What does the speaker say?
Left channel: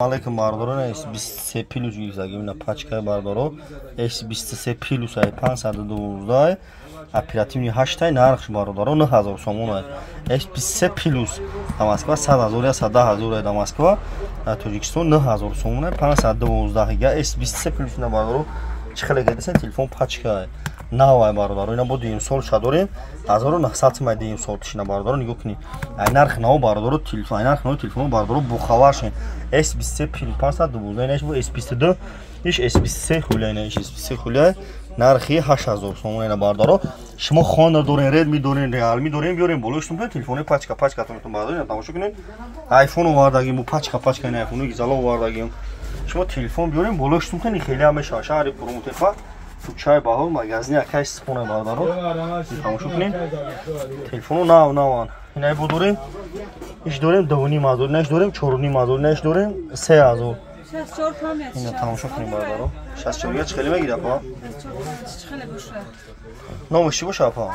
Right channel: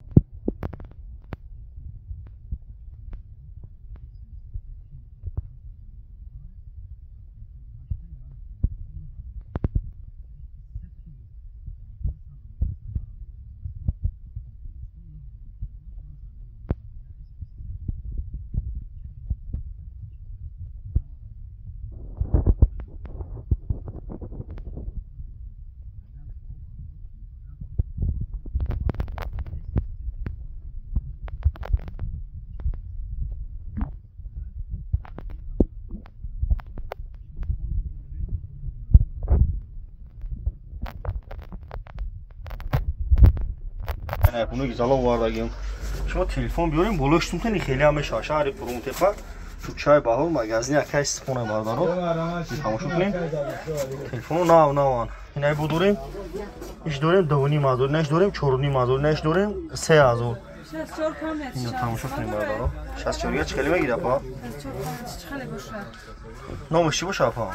Алейкум бардорон S23 плюс гирзагимна пачка бардоро S23 плюс ай 512 оперативни 8 нархш бардоро 9000 сомон S23 плюс до Москва 100000 я 100000 до Москва Тоҷикистон 9000 сомон 512 га S23 плюс на бардоро чихеле гадасан телефон пачка навай бардоро ина буд им сол шадорим 1900 май дим сол тишна бардоро нигоҳ кунӣ ай нарх нав бардоро телефон ай нарх нав телефон бардоро бухаваршин S23 плюс 512 инаш бо S22 иш S23 хуля инаш S23 хуля нархи 8000 сомон ина бардоро шумо Honda дорин Redmi дорин Realme дорин биёрем болоштум телефони пачка тон бардорин тамошо кунед iPhone вардагим бу пачка ин iPhone ги зало вардагим шумо телефон биёрем болоштум хеле ҳамеша шаҳри Пурмутефа Чай баҳор магазини акай истифона бардоро тамошо кунем телефону наван инай бо дорем иш дорем 2500 инаш дорем 4500 инаш дорем 3000 ина тамошо кунем бардоро 64 га чӣ хеле мегирад па номиш чӣ боша апа